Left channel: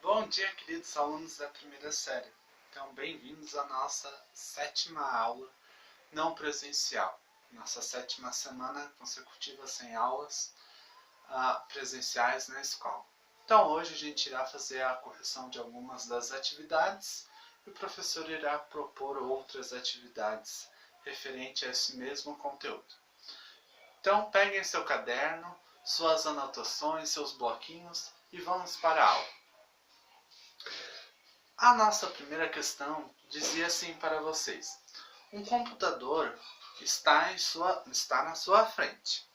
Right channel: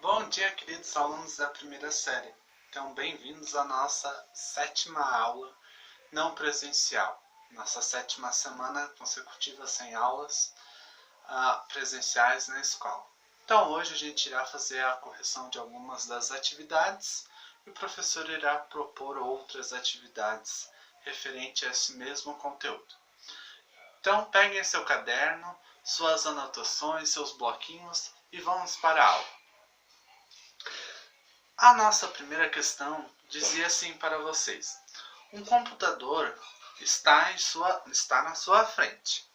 Bom dia, queridos alunos da primeira série. Então, bem-vindos à nossa 7ª aula não presencial. Nossa 7ª semana consecutiva sem aulas presenciais na escola. Então, hoje a gente irá fazer a correção de algumas das atividades e o professor irá propor outras atividades referente a esse mesmo conteúdo. Então, peguem seu caderno, suas anotações, seus bloquinhos e vamos para a aula. A nossa primeira questão dizia assim para vocês: um computador está na sua frente.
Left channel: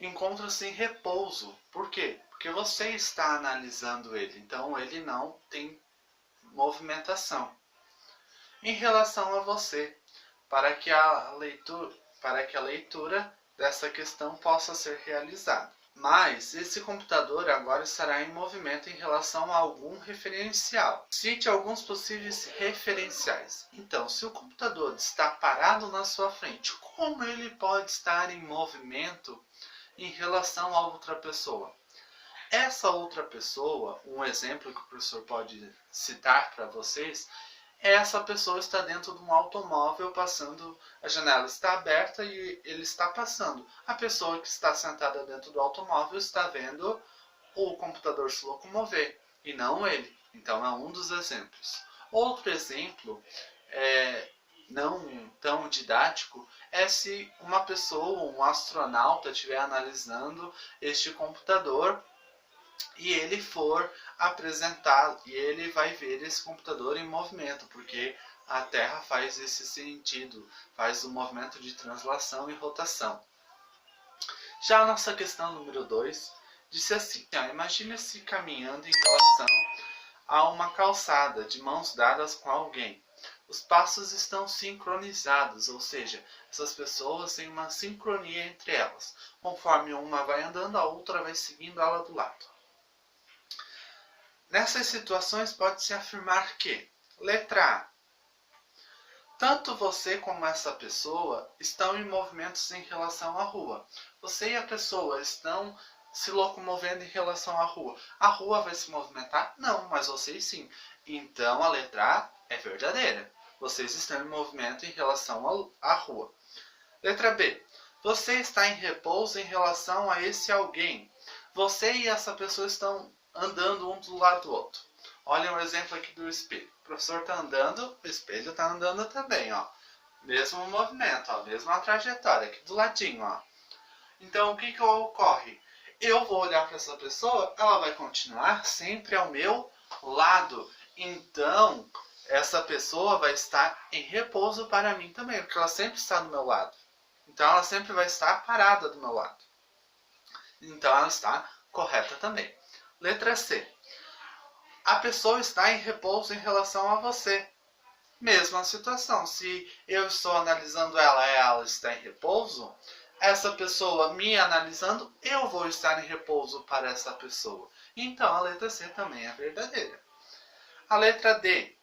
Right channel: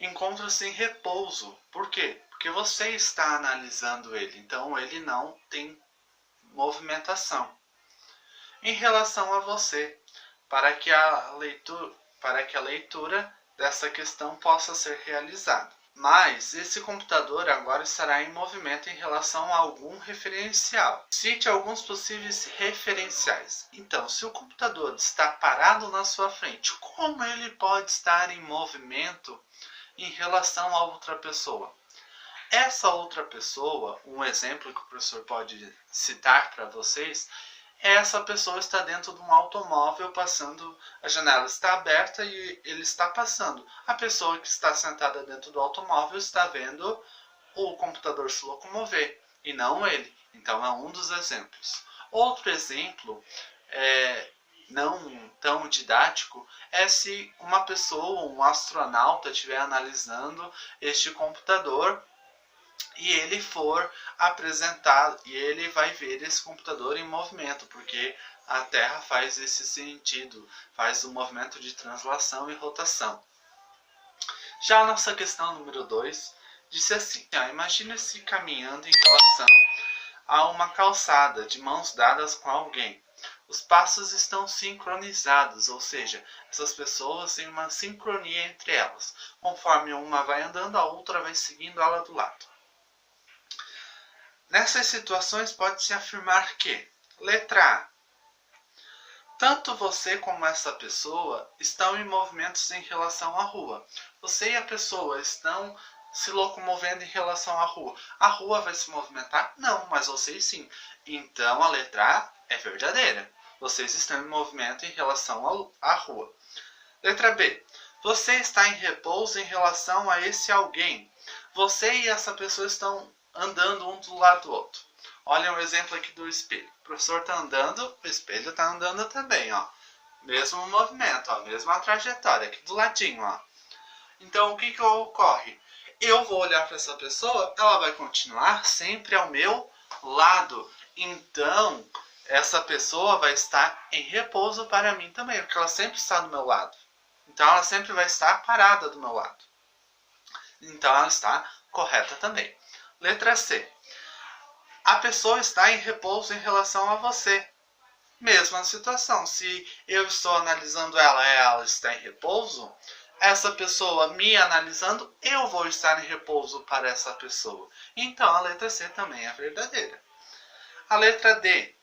Encontra-se em repouso. Por quê? Porque você está analisando ele, então ele não tem movimentação. Em relação a você, para que a leitura dessa questão possa ser realizada. Mas esse computador agora estará em movimento em relação a algum referencial. Cite alguns possíveis referenciais. Então, se o computador está parado na sua frente, como ele pode estar em movimento em relação a outra pessoa? Essa outra pessoa, um exemplo que o professor pode citar para vocês, essa pessoa está dentro de um automóvel passando, a janela está aberta e ele está passando. A pessoa que está sentada dentro do automóvel está vendo o computador se locomover e não ele. Então é um dos exemplos. Outro exemplo, não tão didático, é se uma pessoa, um astronauta, estiver analisando este computador e ele for apresentado e ele vai ver esse computador em movimento, porque a Terra faz esse sentido, faz o movimento de translação e rotação. Já a nossa questão número 2 disse assim: imagine-se caminhando em relação a uma calçada, de mãos dadas com alguém. Os passos estão sincronizados, ou seja, essas pessoas têm uma sincronia entre elas. Conforme uma vai andando, a outra vai seguindo ela do lado. Nessas situações pode-se afirmar que, letra A, tanto você como essa pessoa estão em movimentos em relação à rua. Você e a pessoa estão se locomovendo em relação à rua. A rua vai se movimentar? Não, mas vocês sim. Então a letra A é verdadeira. Vocês estão em movimento em relação à rua. Letra B, você está em repouso em relação a esse alguém. Você e essa pessoa estão andando um do lado do outro. Olha um exemplo aqui do espelho. O professor está andando, o espelho está andando também, ó. Mesmo movimento, ó, mesma trajetória, aqui do ladinho, ó. Então, o que ocorre? Eu vou olhar para essa pessoa, ela vai continuar sempre ao meu lado. Então, essa pessoa vai estar em repouso para mim também, porque ela sempre está do meu lado. Então, ela sempre vai estar parada do meu lado. Então, ela está correta também. Letra C. A pessoa está em repouso em relação a você. Mesma situação. Se eu estou analisando ela está em repouso, essa pessoa me analisando, eu vou estar em repouso para essa pessoa. Então a letra C também é verdadeira. A letra D.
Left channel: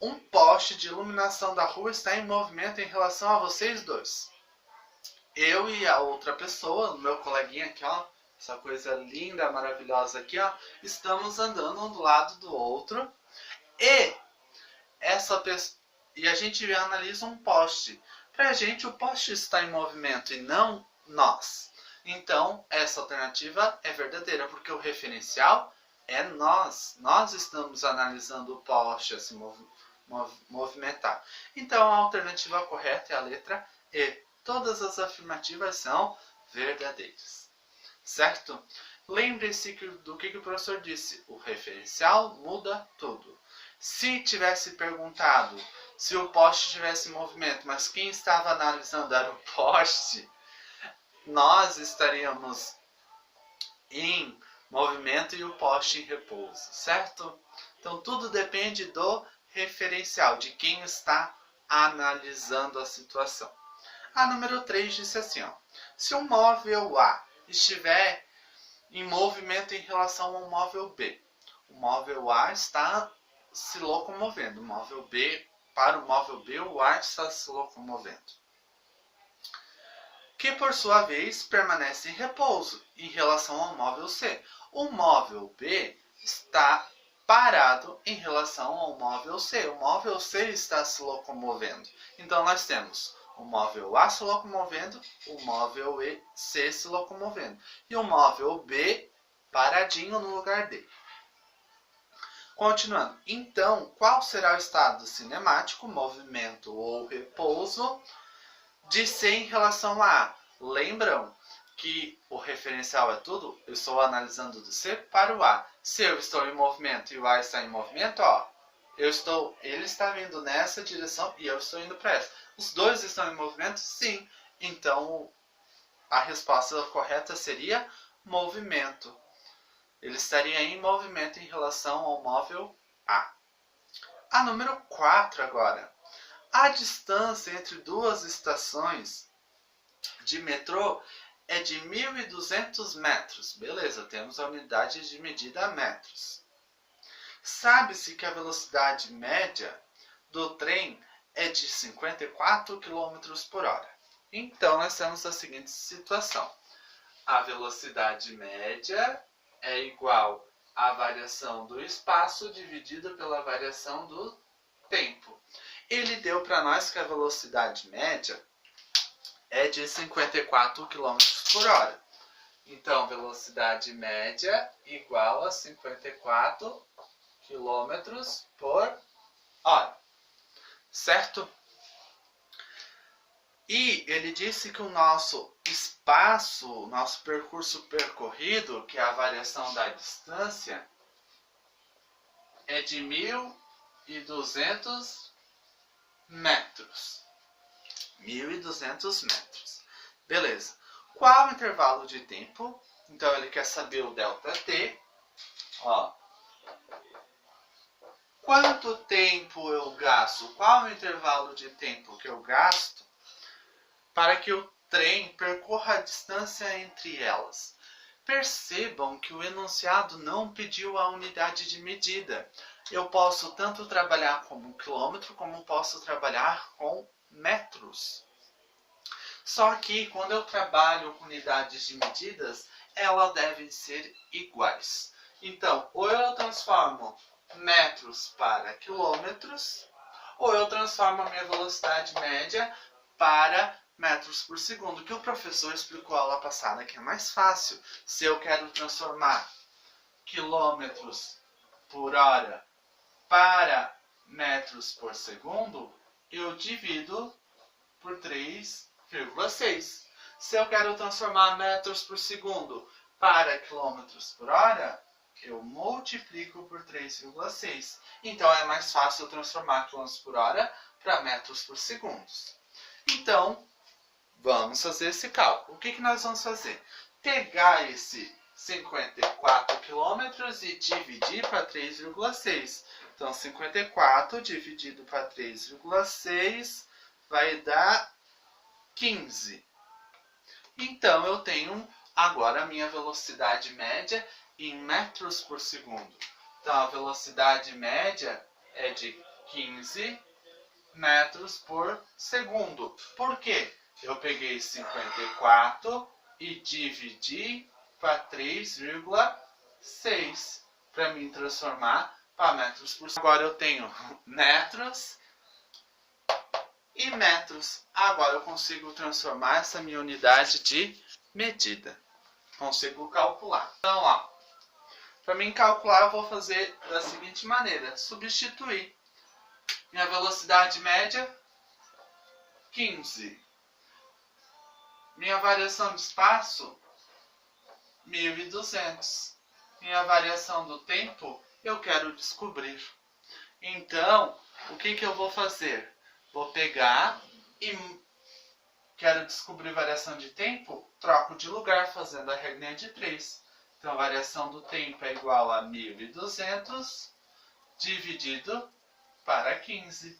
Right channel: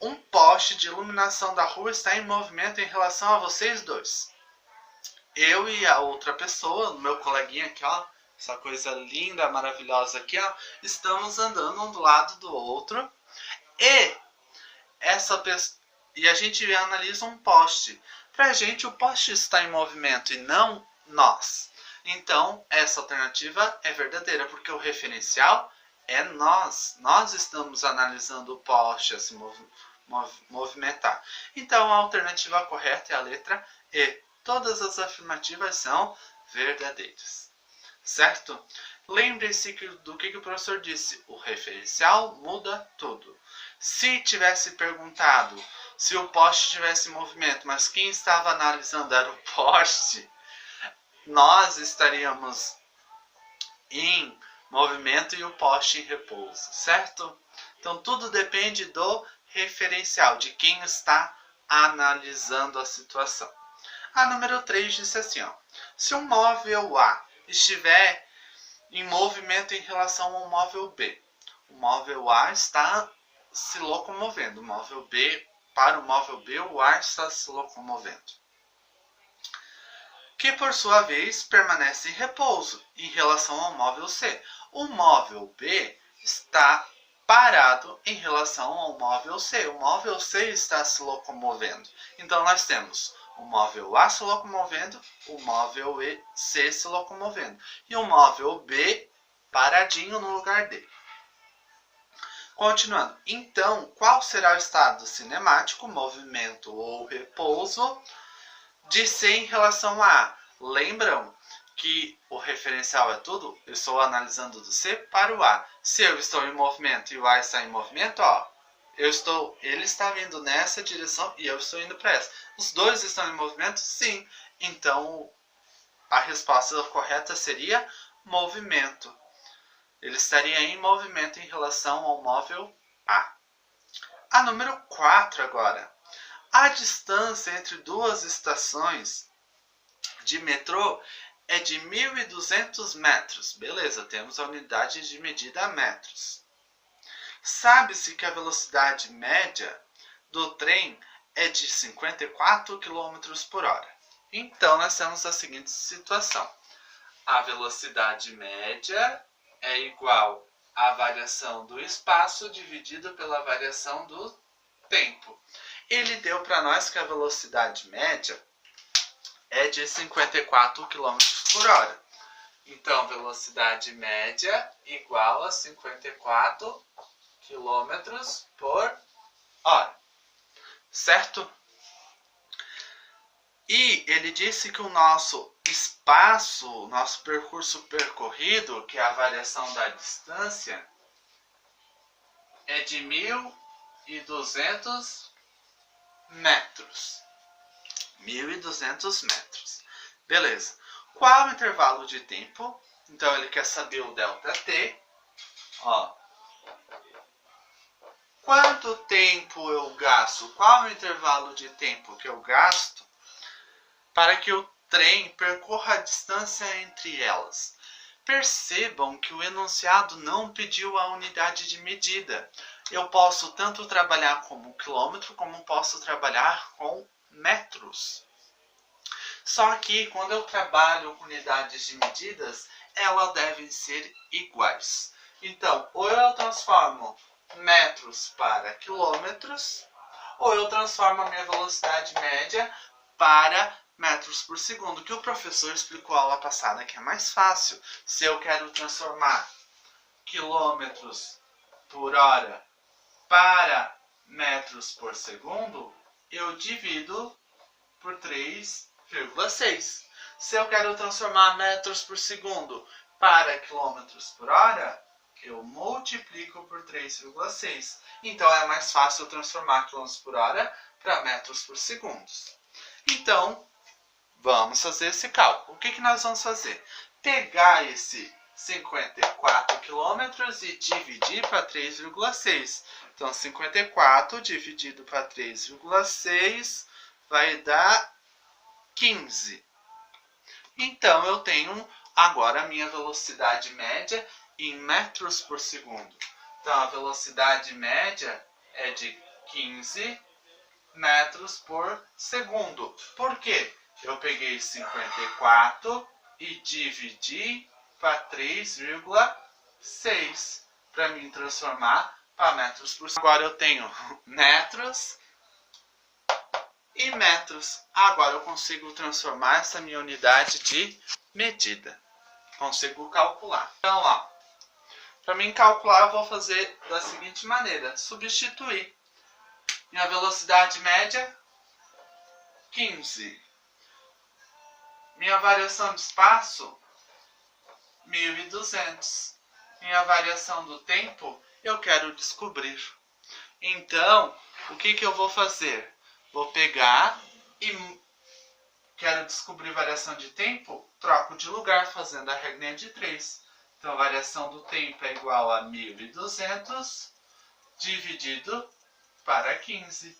Um poste de iluminação da rua está em movimento em relação a vocês dois. Eu e a outra pessoa, o meu coleguinha aqui, ó, essa coisa linda, maravilhosa aqui, ó, estamos andando um do lado do outro e a gente analisa um poste. Pra gente o poste está em movimento e não nós. Então essa alternativa é verdadeira, porque o referencial é nós. Nós estamos analisando o poste a se movimentar. Então a alternativa correta é a letra E. Todas as afirmativas são verdadeiras. Certo? Lembre-se do que o professor disse. O referencial muda tudo. Se tivesse perguntado se o poste tivesse movimento, mas quem estava analisando era o poste, nós estaríamos em movimento e o poste em repouso, certo? Então tudo depende do referencial, de quem está analisando a situação. A número 3 disse assim, ó: se um móvel A estiver em movimento em relação ao móvel B, o móvel A está se locomovendo, o móvel B, para o móvel B, o A está se locomovendo, que por sua vez permanece em repouso em relação ao móvel C. O móvel B está parado em relação ao móvel C. O móvel C está se locomovendo. Então, nós temos o móvel A se locomovendo, o móvel C se locomovendo. E o móvel B paradinho no lugar D. Continuando. Então, qual será o estado cinemático, movimento ou repouso de C em relação a A? Lembram que o referencial é tudo? Eu estou analisando do C para o A. Se eu estou em movimento e o A está em movimento, ó, ele está vindo nessa direção e eu estou indo para essa. Os dois estão em movimento? Sim. Então, a resposta correta seria movimento. Ele estaria em movimento em relação ao móvel A. A número 4 agora. A distância entre duas estações de metrô é de 1.200 metros. Beleza, temos a unidade de medida metros. Sabe-se que a velocidade média do trem é de 54 km por hora. Então, nós temos a seguinte situação. A velocidade média é igual à variação do espaço dividido pela variação do tempo. Ele deu para nós que a velocidade média é de 54 km por hora. Então, velocidade média igual a 54 km por hora. Certo? E ele disse que o nosso espaço, o nosso percurso percorrido, que é a variação da distância, é de 1.200 metros. 1.200 metros. Beleza. Qual o intervalo de tempo? Então, ele quer saber o ΔT. Ó. Quanto tempo eu gasto? Qual o intervalo de tempo que eu gasto para que o trem percorra a distância entre elas? Percebam que o enunciado não pediu a unidade de medida. Eu posso tanto trabalhar como quilômetro, como posso trabalhar com metros. Só que quando eu trabalho com unidades de medidas, elas devem ser iguais. Então, ou eu transformo metros para quilômetros, ou eu transformo a minha velocidade média para metros por segundo, que o professor explicou a aula passada que é mais fácil. Se eu quero transformar quilômetros por hora para metros por segundo, eu divido por 3,6. Se eu quero transformar metros por segundo para quilômetros por hora, eu multiplico por 3,6. Então, é mais fácil transformar quilômetros por hora para metros por segundo. Então, vamos fazer esse cálculo. O que nós vamos fazer? Pegar esse 54 quilômetros e dividir para 3,6. Então, 54 dividido para 3,6 vai dar 15. Então, eu tenho agora a minha velocidade média em metros por segundo. Então, a velocidade média é de 15 metros por segundo. Por quê? Eu peguei 54 e dividi para 3,6 para me transformar para metros por segundo. Agora eu tenho metros e metros. Agora eu consigo transformar essa minha unidade de medida. Consigo calcular. Então, ó, para mim calcular, eu vou fazer da seguinte maneira. Substituir. Minha velocidade média, 15. Minha variação de espaço, 1.200. Minha variação do tempo, eu quero descobrir. Então, o que eu vou fazer? Vou pegar e quero descobrir variação de tempo, troco de lugar fazendo a regrinha de 3. Então, a variação do tempo é igual a 1.200 dividido para 15.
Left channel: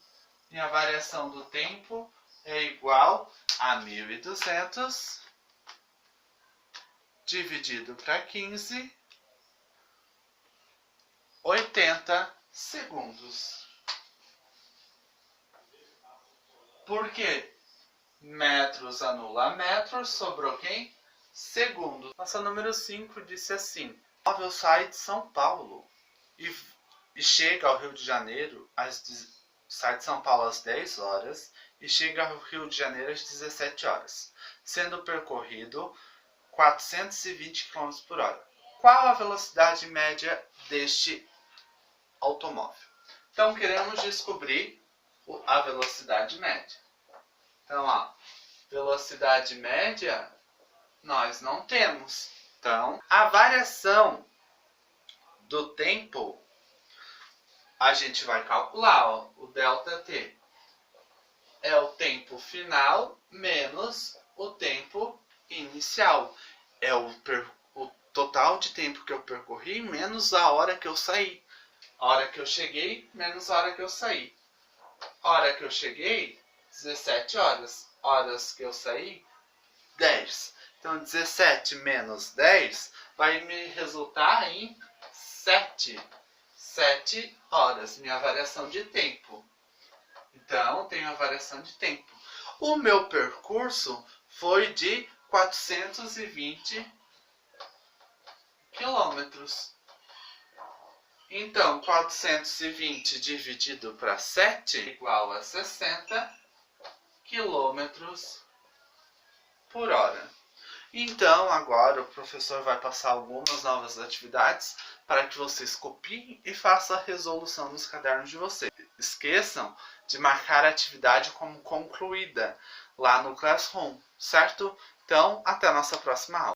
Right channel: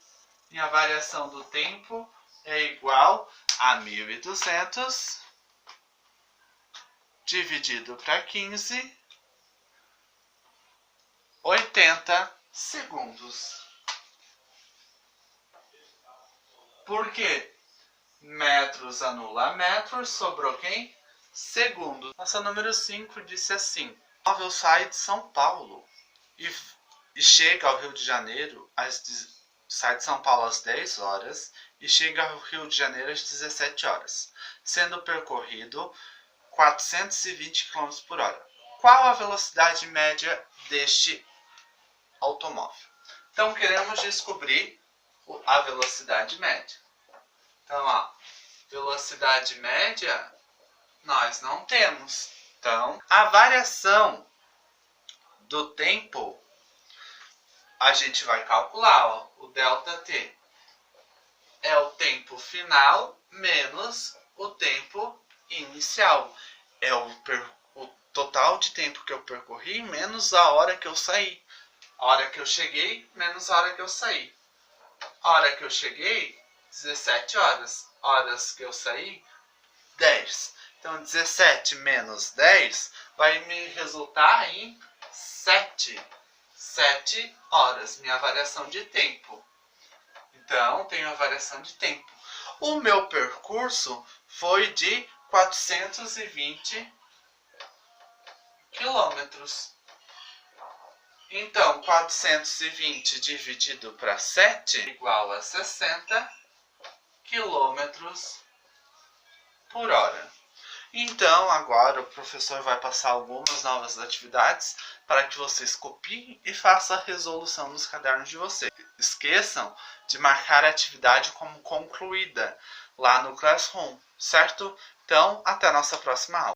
E a variação do tempo é igual a 1.200 dividido para 15, 80 segundos. Por quê? Metros anula metros, sobrou quem? Segundos. Nossa número 5 disse assim: o móvel sai de São Paulo e chega ao Rio de Janeiro, sai de São Paulo às 10 horas e chega ao Rio de Janeiro às 17 horas, sendo percorrido 420 km por hora. Qual a velocidade média deste automóvel? Então, queremos descobrir a velocidade média. Então, a velocidade média nós não temos. Então, a variação do tempo a gente vai calcular, ó, o ΔT é o tempo final menos o tempo inicial. É o total de tempo que eu percorri menos a hora que eu saí. A hora que eu cheguei menos a hora que eu saí. A hora que eu cheguei, 17 horas. Horas que eu saí, 10. Então, 17 menos 10 vai me resultar em 7. 7 horas, minha variação de tempo. Então, tenho a variação de tempo. O meu percurso foi de 420 quilômetros. Então, 420 dividido para 7 igual a 60 quilômetros por hora. Então, agora o professor vai passar algumas novas atividades para que vocês copiem e façam a resolução nos cadernos de vocês. Esqueçam de marcar a atividade como concluída lá no Classroom, certo? Então, até a nossa próxima aula.